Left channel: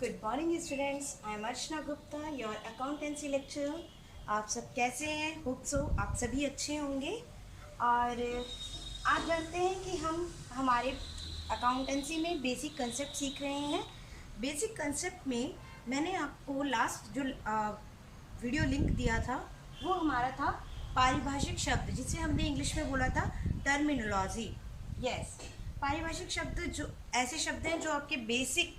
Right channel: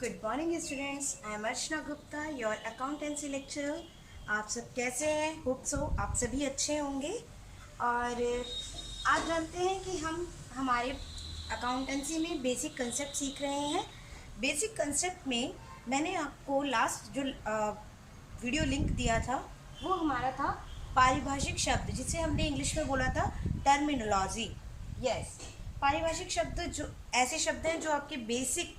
Good morning students, I am Archana Gupta, your accountancy lecturer. आप सब कैसे हैं? होप सो आप सभी अच्छे होंगे। और आज जानते हैं कि हम हमारे अकाउंटेंसी में बेसिक कंसेप्ट सीख रहे हैं। बेसिक कंसेप्ट में मैंने आपको लास्ट जो वीडियो लिंक दिया था वो हमारा था पारिभाषिक शब्द, जिसे हमने इंग्लिश में बोला था टर्मिनोलॉजी। यस, पारिभाषिक शब्द जो ऐसे शब्द हैं जो आपके बेसिक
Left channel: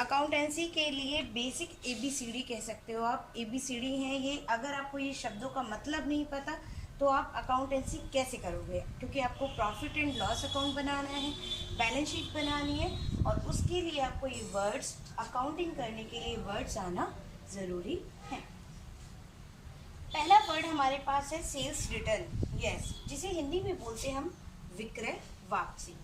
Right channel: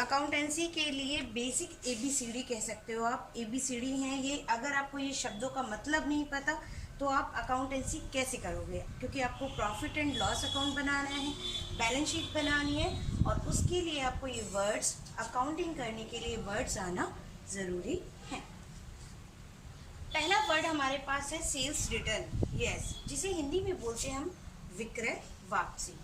अकाउंटेंसी के लिए बेसिक ABCD कह सकते हो आप। ABCD हैं ये। अगर आपको ये शब्दों का मतलब नहीं पता तो आप अकाउंटेंसी कैसे करोगे, क्योंकि आपको प्रॉफिट एंड लॉस अकाउंट बनाना है, बैलेंस शीट बनानी है, और उसके लिए आपको ये वर्ड्स, अकाउंटिंग करने के लिए वर्ड्स आना ज़रूरी है। पहला वर्ड हमारे पास है सेल्स रिटर्न। यस, जिसे हिंदी में बोलते हैं हम विक्रय वापसी।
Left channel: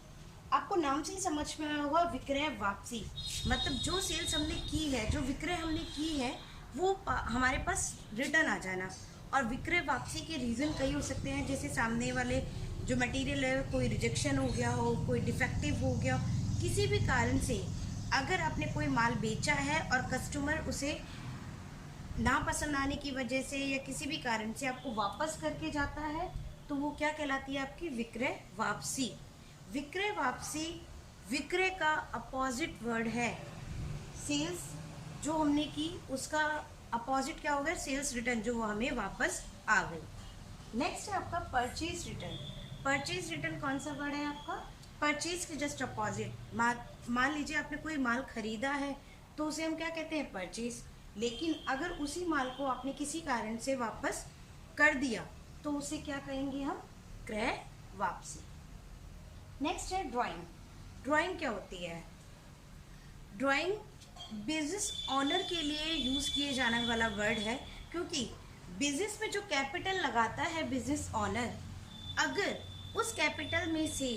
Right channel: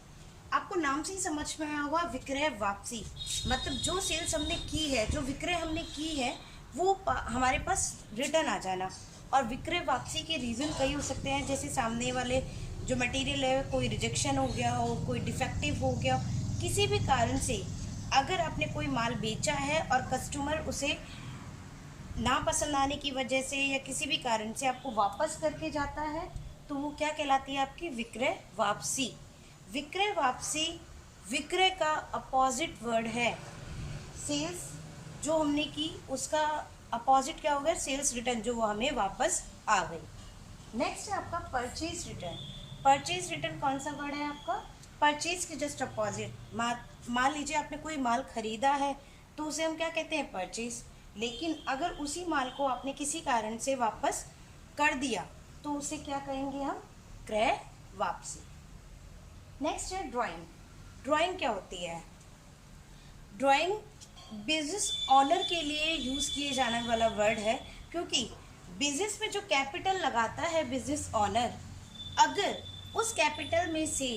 आपको नाम से ही समझ में आया होगा, विक्रय वापसी मतलब जो सेल्स हमने की है, जो विक्रय हमने की है, वो हमारे पास रिटर्न आ जाना। और विक्रय वापसी के रीज़न कई हो सकते हैं, जैसे सामने वाले जो मटेरियल है कोई रिजेक्शन हो गया हो, कोई डिफेक्टिव हो गया, किसी भी कारण से अगर आपने कोई माल बेचा है और कस्टमर उसे ना पसंद आने की वजह से या किसी भी कारण से आपको वापस करके जाता है, तो वो क्या कहलाती है? आपकी विक्रय वापसी। विक्रय वापसी विक्रय का अपोजिट वर्ड है। सेल्स जो हमने की उसका अपोजिट क्या हो गया? सेल्स रिटर्न, जो वो हमें वापस आ गई। नेक्स्ट है आपका परचेज रिटर्न। परचेज रिटर्न कौन सा वर्ड है आपका? परचेज के जस्ट अपोजिट। मान लीजिए आपने कोई माल खरीदा है तो उसे हम क्या कहते हैं? परचेज। लेकिन अगर उसी माल को आपने किसी कारण से वापस कर दिया तो उसे क्या कहेंगे हम? क्रय वापसी। नेक्स्ट है ड्राइंग। ड्राइंग क्या होती है? ड्राइंग बिजनेस ऑनर के लिए यूज़ किए जाने वाला वर्ड है, क्योंकि बिजनेस में जो कैपिटल लगाता है बिजनेस ऑनर, अगर उस कैपिटल में से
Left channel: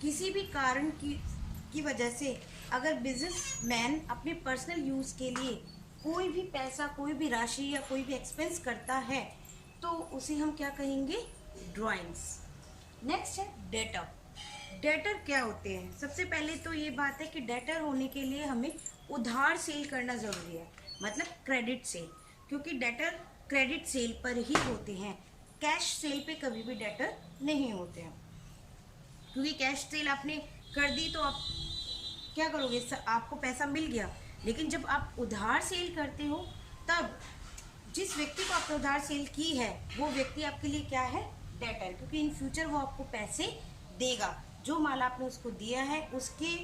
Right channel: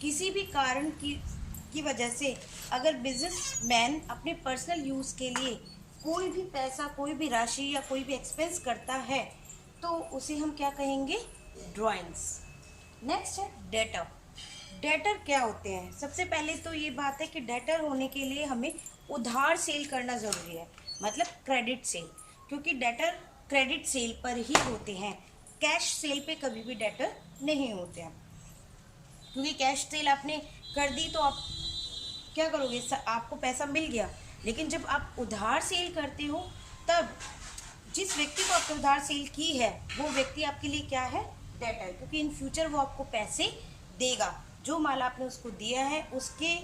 किसी भी कारण की वजह से अगर बिजनेसमैन अपने पर्सनल यूज़ के लिए कोई भी पैसा, कोई भी राशि या कोई भी एक्सपेंस करता है तो उसे हम क्या कहेंगे? ड्राइंग्स। नेक्स्ट है डेटर। डेटर क्या होते हैं? सबसे पहले तो ये बात है कि डेटर होने के लिए हमें उधार सेल करना ज़रूरी है, मतलब क्रेडिट सेल, क्योंकि डेटर क्रेडिट सेल पर ही होते हैं। कैश सेल पे कभी भी डेटर नहीं होते हैं, क्योंकि कैश सेल आपने कर दी तो आप क्या करोगे? आपको पैसा मिल गया, लेकिन जब आप उधार सेल करते हो तब जिस व्यक्ति को आपने उधार सेल की है वो व्यक्ति आपके लिए क्या है? डेटर, क्योंकि इन फ्यूचर वो आपको पैसे देगा। जो माल आपने उसको दिया है उसके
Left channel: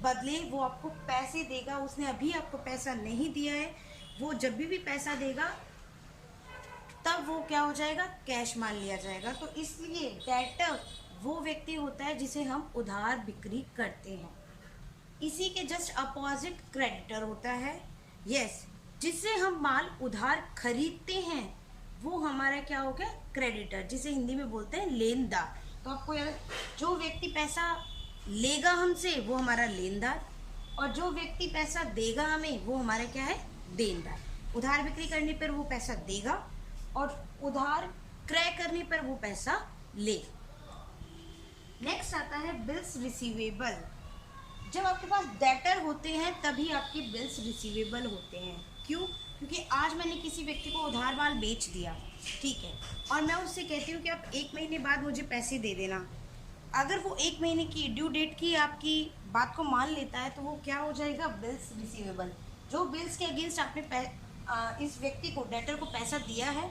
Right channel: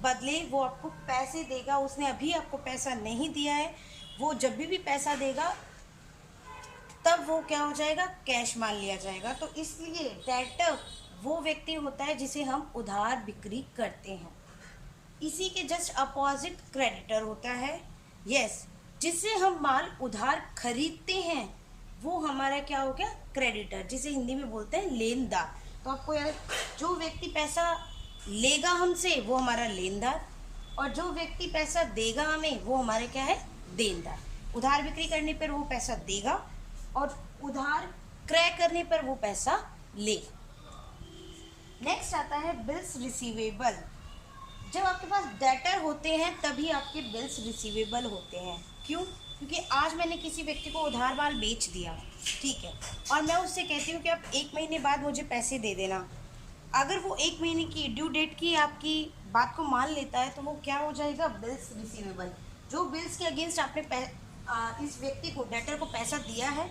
बदले वो आपको पैसे देगा। उसने अभी आपको पैसा नहीं दिया है, वो जब भी पैसा देगा तब वो क्या हो जाएगा? कैश मान लिया जाएगा। तो इसलिए डेटर वो व्यक्ति होता है जिसे हम उधार बिक्री करते हैं। इसी के जस्ट अपोजिट क्रेडिटर होता है। यस, जिससे हम माल उधार खरीदते हैं वो हमारा क्या हो गया? क्रेडिटर, जिसे हिंदी में बोलते हैं लेनदार। तो आपको यार, जो व्यक्ति पैसा लेगा हमसे वो हमारा लेनदार, और जो व्यक्ति पैसा देगा हमें वो हमारे क्या है? देनदार। उधार बिक्री करने पर वो पैसा देगा और उधार क्रय करने पर वो पैसा लेगा। नेक्स्ट आता है बिल्स रिसीवेबल। जब आपके पास डेटर होते हैं तभी आपके बिल्स रिसीवेबल होते हैं। क्यों? क्योंकि आज मैंने किसी व्यक्ति को उधार माल बेच दिया, ठीक है, और मैं उससे कहती हूँ कि आप 1 महीने बाद मुझे पैसे दे देना। अगर वो 1 महीने की ड्यू डेट की आपकी बात को मान लेता है तो वो क्या हो जाएगा? Bills receivable. जो बिल्स के अगेंस्ट आपने इस व्यक्ति को, डेटर को पैसा दिया है,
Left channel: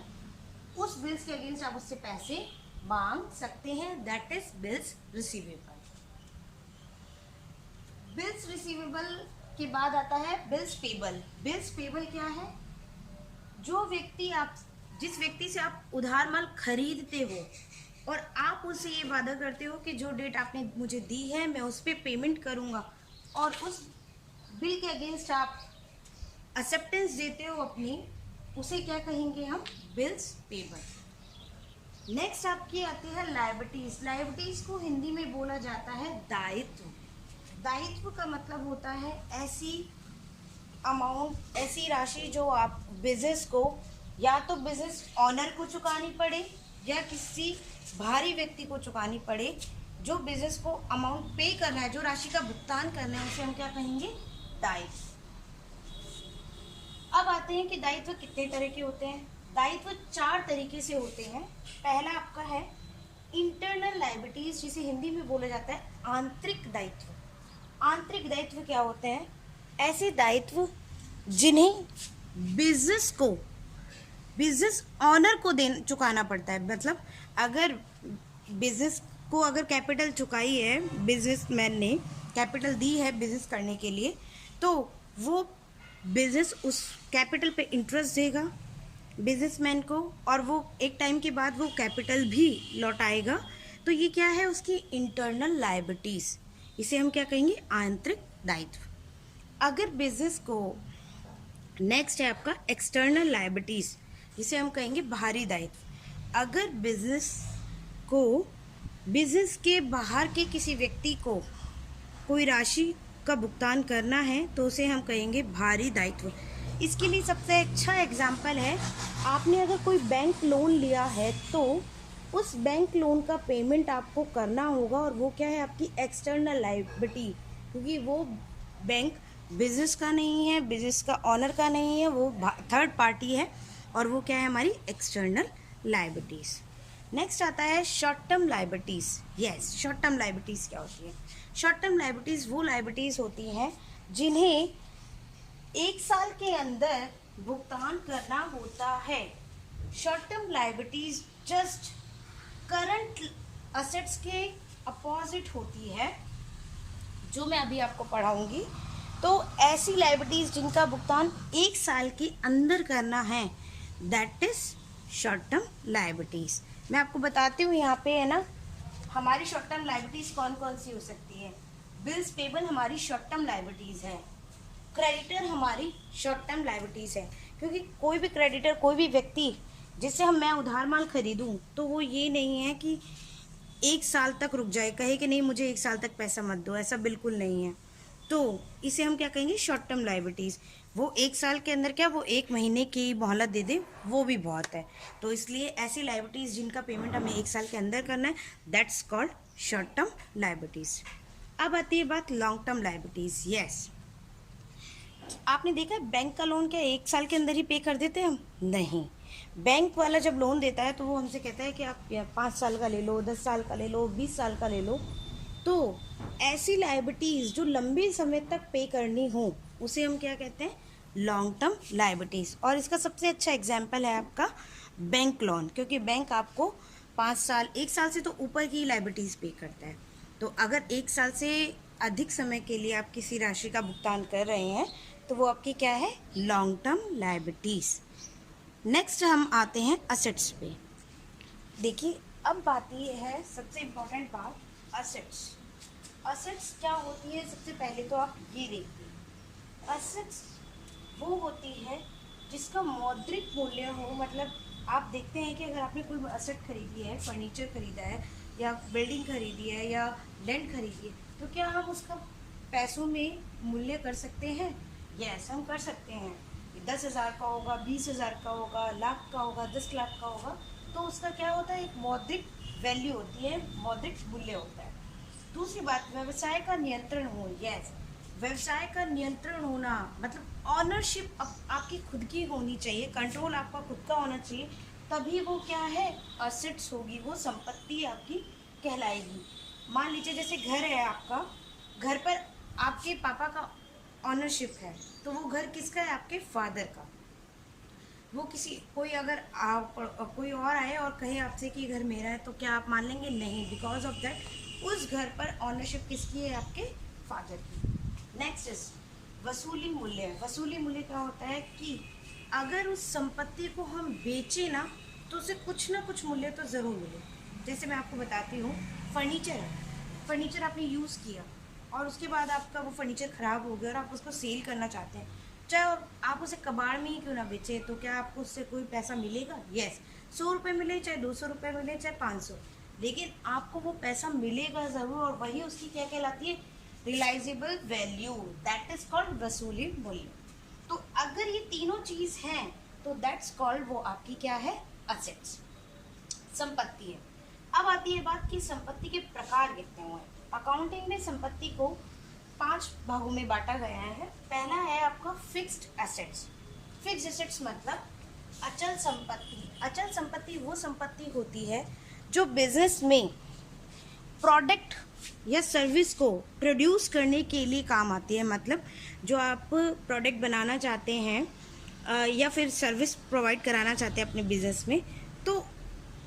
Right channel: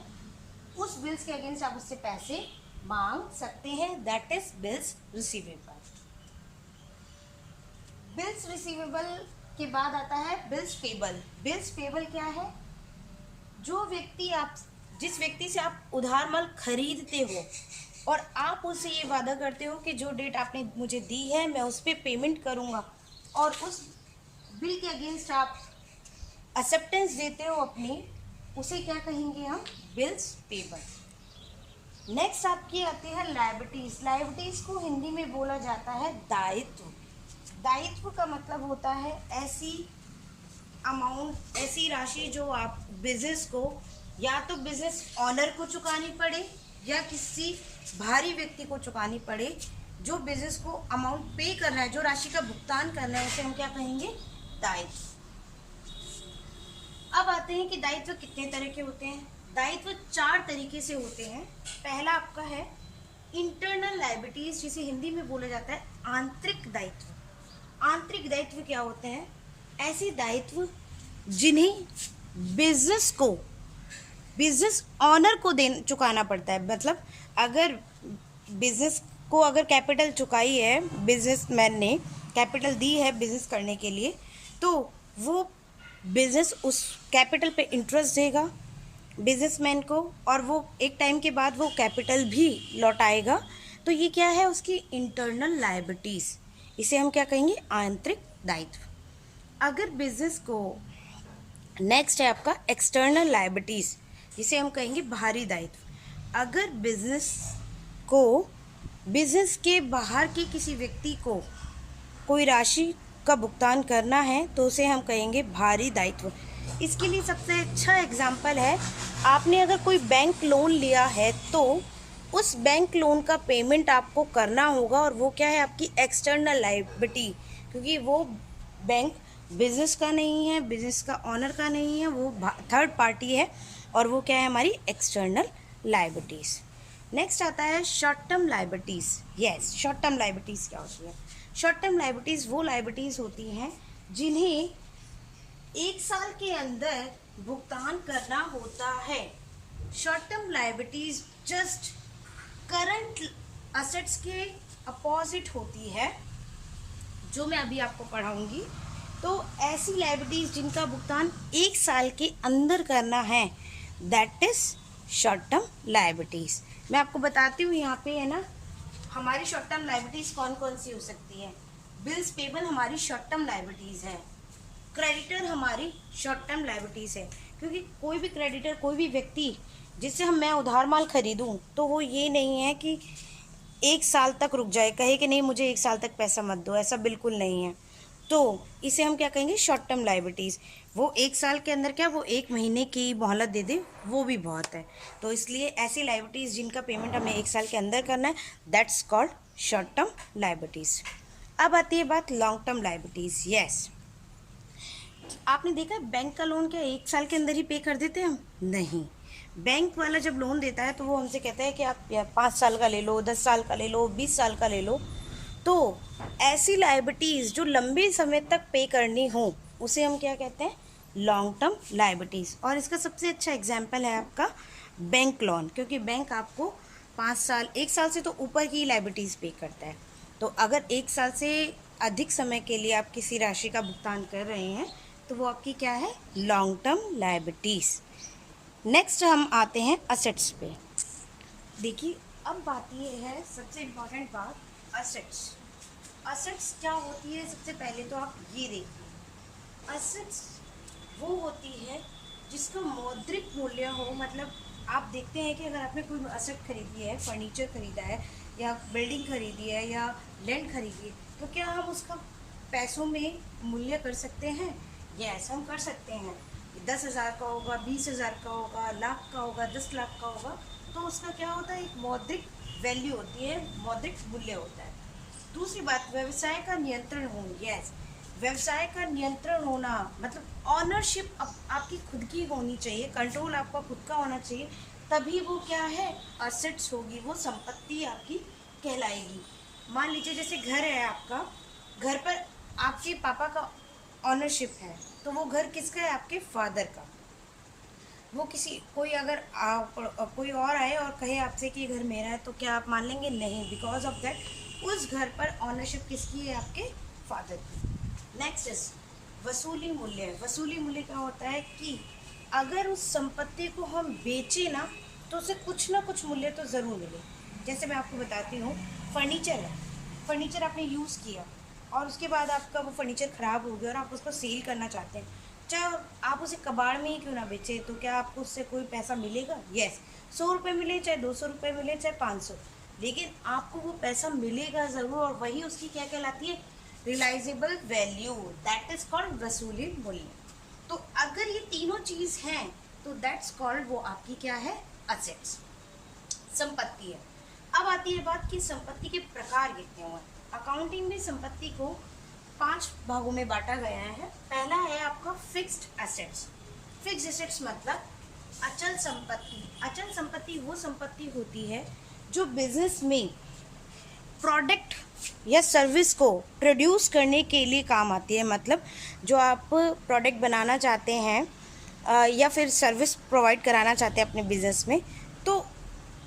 उस बिल्स के अगेंस्ट आप उससे पैसे मांग सकते हैं। That is bills receivable. Bills receivable के बाद आता है बिल्स पेबल। बिल्स पेबल क्या है? जिस व्यक्ति से आप उधार माल खरीदते हो और आप उससे ये वादा करते हो कि जो डेट आपने मुझे दी है मैं उस पर पेमेंट करूँगा, और उस बिल के अगेंस्ट आप एक्सेप्टेंस देते हो अपनी, उसे क्या कहेंगे हम? Bills payable. नेक्स्ट आपकी आती है लायबिलिटीज़। लायबिलिटीज़ को हिंदी में बोला जाता है दायित्व। दायित्व का मतलब होता है ऐसी अमाउंट, ऐसी राशि जो आप बिजनेस को या तो बिजनेस ऑनर को चुकानी पड़े या किसी बाहरी व्यक्ति को चुकानी पड़े। जो बिजनेस को अमाउंट पे करना है, जो राशि का भुगतान करना है, उसे हम क्या कहेंगे? दायित्व। अब आते हैं कि दायित्व कितने तरह के होते हैं। दायित्व 4 तरीके से होते हैं। पहला आपका है इंटरनल लायबिलिटीज, जिसे हिंदी में बोला जाता है आंतरिक दायित्व। आंतरिक दायित्व क्या होते हैं? ऐसे दायित्व जिन्हें बिजनेस ऑनर को चुकाना पड़ता है। मतलब अगर बिजनेस को अगर कैपिटल चुकाई है, बिजनेसमैन ने कैपिटल दी है बिजनेस करने के लिए, तो वो बिजनेस उस कैपिटल पे इंटरेस्ट देगा बिजनेसमैन को, और वो एक टाइम के बाद वो कैपिटल भी लौटाएगा। तो ये क्या है? उसकी इंटरनल लायबिलिटीज। इसे हम क्या कहेंगे? आंतरिक दायित्व। अगर बिजनेस को नेक्स्ट है आपका एक्सटर्नल लायबिलिटीज, जिसे हम कहेंगे बाहरी दायित्व। अगर बिजनेस के बाहर के किसी व्यक्ति को कोई राशि का भुगतान करना है तो उसे हम कहेंगे बाहरी दायित्व। इसके लिए सबसे अच्छा एग्जाम्पल है, आपने अगर कोई बैंक लोन लिया है तो उस बैंक लोन का पेमेंट आपको करना होगा, और वो क्या है? आपकी एक्सटर्नल लायबिलिटी, क्योंकि वो बैंक बिजनेस का नहीं है, बिजनेस का ऑनर का नहीं है, वो थर्ड पार्टी है, और वो क्या है? हमारी एक्सटर्नल लायबिलिटीज। नेक्स्ट आता है short term liabilities. Yes, short term liabilities क्या होती है? शॉर्ट टर्म लायबिलिटीज वो लायबिलिटीज होती हैं जिन्हें 1 साल के अंदर भुगतान करना होता है। Short term liabilities just current assets के अपोजिट होती है, जो मैं अभी आपको पढ़ाऊंगी। तो ऐसी लायबिलिटीज जिनका भुगतान 1 साल के अंदर करना है, that is short term liabilities. मैं आपको बताती हूँ यहाँ पे है ना, हमारी शॉर्ट टर्म लायबिलिटीज कौन कौन सी हो सकती है। बिल्स पेबल हमारी शॉर्ट टर्म लायबिलिटीज है। क्रेडिटर हमारी शॉर्ट टर्म लायबिलिटीज है, क्योंकि कोई भी क्रेडिटर, कोई भी व्यक्ति जिससे मैं उधार माल खरीदूं, तो वो ये नहीं है कि 1 साल तक रुक जाए, कहे कि नहीं मुझे 1 साल तक पैसा मत दो, ऐसा बिल्कुल नहीं है। तो इसे हम क्या कहेंगे? Short term liabilities. वो 1 साल के अंदर क्या, वो 1 महीने की मोहलत दे दे, वो भी बहुत है। तो इसलिए ऐसी लायबिलिटीज जिनका पेमेंट हमें 1 साल के अंदर करना है, that's called short term liabilities. अब आती है बात लॉन्ग टर्म लायबिलिटीज। यस, आपने देखा है बैंक का लोन क्या 1 साल के अंदर ही पे कर देते हैं हम? नहीं। बैंक वाला जब लोन देता है तो वो हमसे कहता है कि आप 5 साल का ले लो, 10 साल का ले लो, 20 साल का ले लो। तो ऐसी लायबिलिटीज जो लंबे समय तक पे करनी हो, उसे हम क्या कहते हैं? Long term liabilities. और इसका सबसे अच्छा एग्जाम्पल है आपका बैंक लोन, क्योंकि बैंक आपको 5 साल, 1 साल से तो ऊपर की लायबिलिटीज पे करता है। तो अगर 1 साल से अधिक समय के लिए आप किसी राशि का भुगतान कर रहे हैं, तो वो आपकी क्या है? Long term liabilities. नेक्स्ट हम आते हैं असेट्स पे। देखिए, अब बात ये है, सबसे इम्पोर्टेंट बात, असेट्स। असेट्स क्या होती है? सबसे पहले तो आप ये देखिए, असेट्स वो होती है जिसका मौद्रिक मूल्य हो। मतलब आप देखते हैं कि अगर आपने कोई असेट खरीदी है, फर्नीचर खरीदा है, या बिल्डिंग खरीदी है, या लैंड खरीदी है, तो क्या हम उसका पैसों में मूल्य कर सकते हैं? यस, हम कर सकते हैं। 10,000 का होगा, 20,000 का होगा, लाख का होगा, 10 लाख का होगा, तो उसका क्या होता है? एक मौद्रिक वैल्यू होती है, मौद्रिक मूल्य होता है। दूसरी बात, व्यवसाय का नियंत्रण हो। यस, व्यवसाय का नियंत्रण होना मतलब ऑनरशिप आपकी खुद की होनी चाहिए, कंट्रोल आपका खुद का होना चाहिए, तभी वो क्या है? असेट्स होगी, वो संपत्ति आपकी कहलाएगी। मान लीजिए जैसे घर है आपका, घर पर आपके पापा का ऑनरशिप है, तो वो घर किसका है? आपके फादर का। वो कोई अगर कोई और आए और कहे आपसे कि घर मेरा है, तो क्या आप मान लेंगे? नहीं, बिकॉज ऑफ दैट उस घर पर ऑनरशिप किसकी है? आपके फादर की। नेक्स्ट इज वसूली मूल्य। वसूली मूल्य क्या होता है कि अगर उस संपत्ति को हम बेचे ना, तो उसे कुछ ना कुछ मूल्य तो ज़रूर मिले। जैसे मैं आपको बताती हूँ, फर्नीचर है, फर्नीचर आपने यूज़ किया और उसके बाद आपका वो फर्नीचर ख़राब हो गया और आप उसको सेल करना चाहते हैं, चाहे आप उसे कबाड़ में ही क्यों ना बेचे, तो क्या आपको उससे कोई पैसा मिलेगा? यस, 100 रुपये मिले, चाहे 200 रुपये मिले, चाहे 500, लेकिन आपको वो पैसा मिलेगा ज़रूर, और वही उसकी क्या कहलाती है? Realisable value, that is called वसूली मूल्य। तो अगर ये तीनों चीज़ हैं तो दैट्स कॉल्ड, वो आपकी क्या है? असेट्स, संपत्ति है। अब आती है बात कि संपत्ति के प्रकार कितने हुए। अकाउंटिंग में संपत्ति को 5 भागों में बांटा गया है। पहला है आपका फिक्स्ड एसेट्स। फिक्स एसेट्स मतलब अचल संपत्ति। अचल संपत्ति वो संपत्ति होती है जो बिजनेस में प्रोडक्ट या सर्विस को प्रोड्यूस करने के लिए काम आती है। मतलब जो आप प्रोडक्ट बनाना चाहते हैं या फिर सर्विस प्रोवाइड कराना चाहते हैं अपने बिजनेस में, तो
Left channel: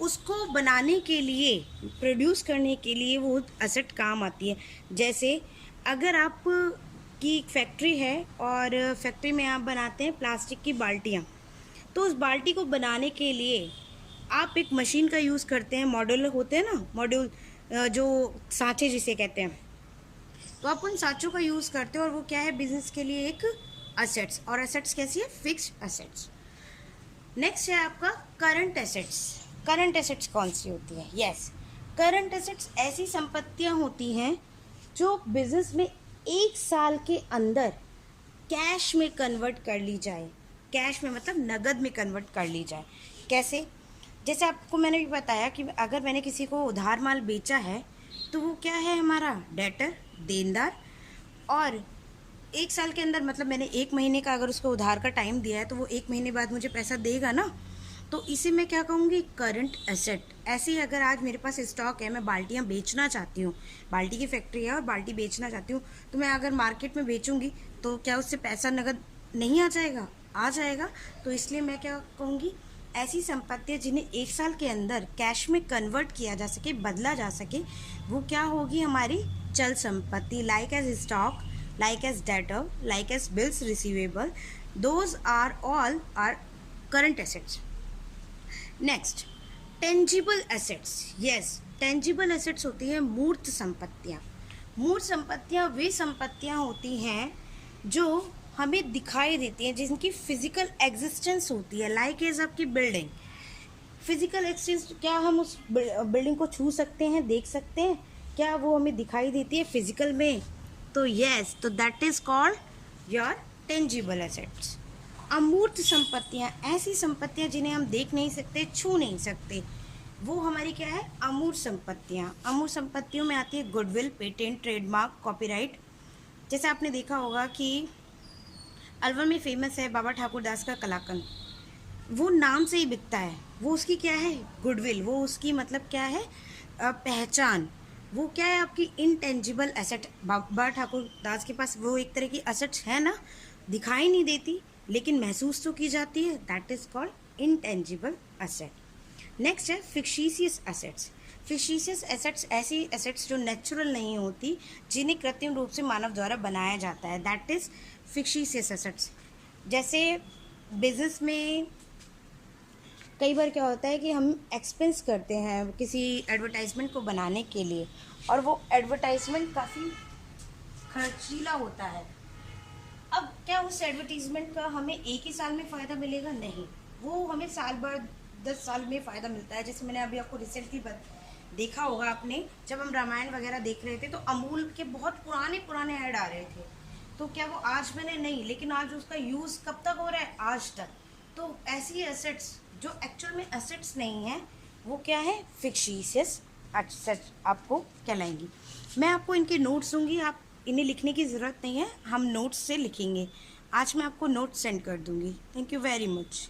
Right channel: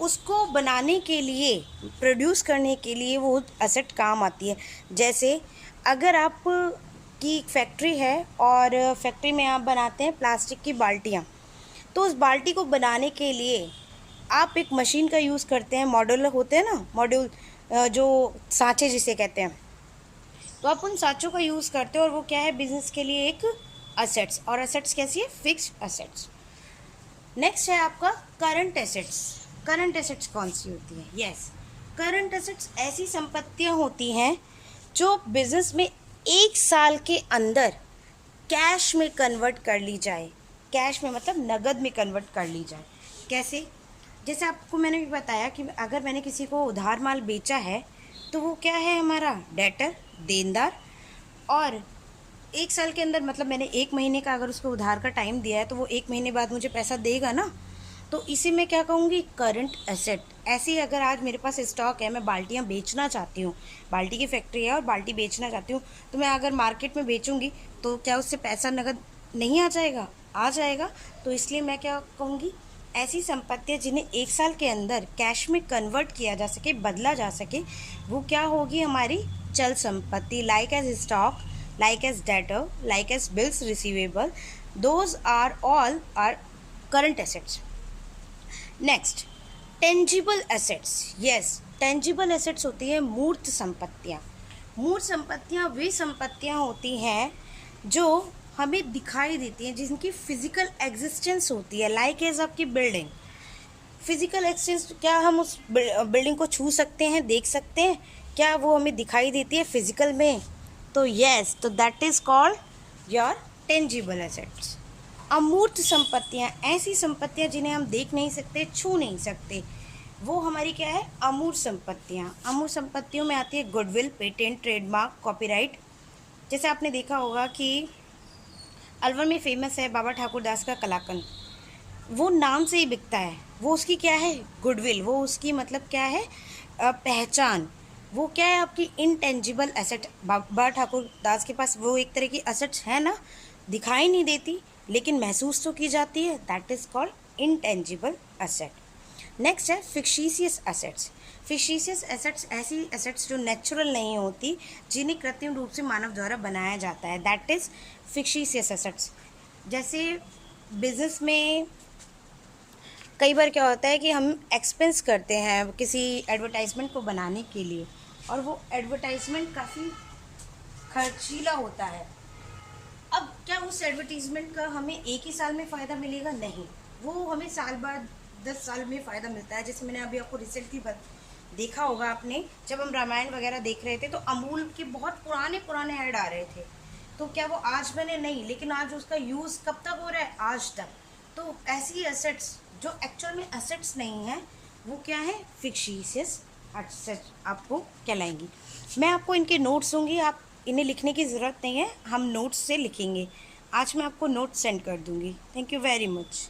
उसको बनाने के लिए, प्रोड्यूस करने के लिए वो एसेट काम आती है। जैसे अगर आप की फैक्ट्री है और फैक्ट्री में आप बनाते हैं प्लास्टिक की बाल्टियाँ, तो उस बाल्टी को बनाने के लिए आप एक मशीन का यूज़ करते हैं। मॉड्यूल होते हैं ना, मॉड्यूल जो सांचे जिसे कहते हैं, तो आप उन सांचों का यूज़ करते हो और वो क्या है, बिजनेस के लिए एक असेट्स। और असेट्स कैसी है, फिक्स्ड असेट्स। नेक्स्ट है आपका करंट एसेट्स। करंट एसेट्स कौन सी होती है? यस, करंट एसेट्स ऐसी संपत्तियां होती हैं जो बिजनेस में एक साल के अंदर कैश में कन्वर्ट कर ली जाए। कैश में मतलब नगद में कन्वर्ट कर ली जाए। कैसे? जैसे आपको मैंने भी बताया कि अगर मैंने किसी को उधार माल बेचा है तो वो क्या है, हमारा डेटर, देनदार। और एक साल के अंदर मतलब मैंने 1 महीने का अगर उसको उधार का टाइम दिया है तो वो 1 महीने बाद मुझे पैसा देगा ना, तो इसे मैं क्या कहूँगी, करंट एसेट। ऐसे ही अगर आज मेरे पास स्टॉक है, मैं बाल्टियाँ बेचना चाहती हूँ, बाल्टी की फैक्ट्री है और बाल्टी बेचना चाहती हूँ, तो मैं अगर मार्केट में बेचूँगी तो क्या उससे पैसा नगद नहीं आ जाएगा? आ जाएगा। तो इसलिए मैं क्या कहूँगी, ऐसी संपत्तियाँ जिन्हें 1 साल के अंदर कैश में कन्वर्ट किया जा सके, बदला जा सके, वो क्या होगी, हमारी चल संपत्ति। Like as stock, like as debtor, like as bills receivable, those are all are current assets. Next, tangible assets. Yes, tangible assets होती है मूर्त संपत्तियाँ। मूर्त संपत्तियाँ वे संपत्तियाँ होती हैं जो हमें दिखाई देती हैं, जिनकी फिजिकल एग्जिस्टेंस होती है। लाइक एज आपकी बिल्डिंग, फिजिकल एग्जिस्टेंस, क्या हम उस बिल्डिंग को छू सकते हैं, देख सकते हैं? क्या वो हमें दिखाई देती है फिजिकल में? तो यस, तो that is called your tangible assets. अमूर्त संपत्तियाँ, ऐसी संपत्तियाँ जिन्हें हम देख नहीं सकते, छू नहीं सकते, वो हमारी क्या है, अमूर्त संपत्तियाँ। अमूर्त संपत्तियों में आती है गुडविल, पेटेंट, ट्रेडमार्क, कॉपीराइट। जैसे आपने देखा होगा कि अलवर में फेमस है बाबा ठाकुर दास का कलाकंद, वो नाम से ही बिकता है। वो उसकी क्या है, गुडविल, वो उसकी मतलब क्या है, पहचान। वो क्या है, आपकी इनटेंजिबल एसेट। बाबा ठाकुर दास के पास वो एक तरह की एसेट्स है ना, दिखाई नहीं देती लेकिन महसूस तो की जाती है, that is called intangible asset. Next है फिक्टिशियस एसेट्स। फिक्टिशियस एसेट्स ऐसी एसेट्स जो नेचुरल नहीं होती, जिन्हें कृत्रिम रूप से मानव द्वारा बनाया जाता है, दैट इज फिक्टिशियस एसेट्स। जैसे बिजनेस में कई बार क्या होता है कि हम एक्सपेंस करते हैं किसी एडवर्टाइजमेंट को बनाने के लिए, और वो एडवर्टाइजमेंट काफ़ी खर्चीला होता है। अब क्या उस एडवर्टीजमेंट का हमें एक ही साल में फ़ायदा मिलेगा? नहीं, वो हमें साल बाद 10 साल में फ़ायदा मिलता है। जैसे मैंने अभी आपको रिसेंटली देखा होगा आपने, जब हम रामायण वगैरह देख रहे थे तो अमूल के बहुत पुराने पुराने ऐड आ रहे थे, तो क्या वो आज बने? नहीं, लेकिन आज उसका यूज़ कब तक हो रहा है? आज तक। तो ऐसी एसेट्स जो एक्चुअल में एसेट्स नहीं है, वो क्या है, फिक्टिशियस एसेट्स आपको कहलाएंगी। मैं आपको इनके नोट्स दूंगी, आप इन्हें लिखने की ज़रूरत नहीं है, हम नोट्स से लिखेंगे। आज मैं आपको नोट्स सेंड कर दूंगी। Thank you very much.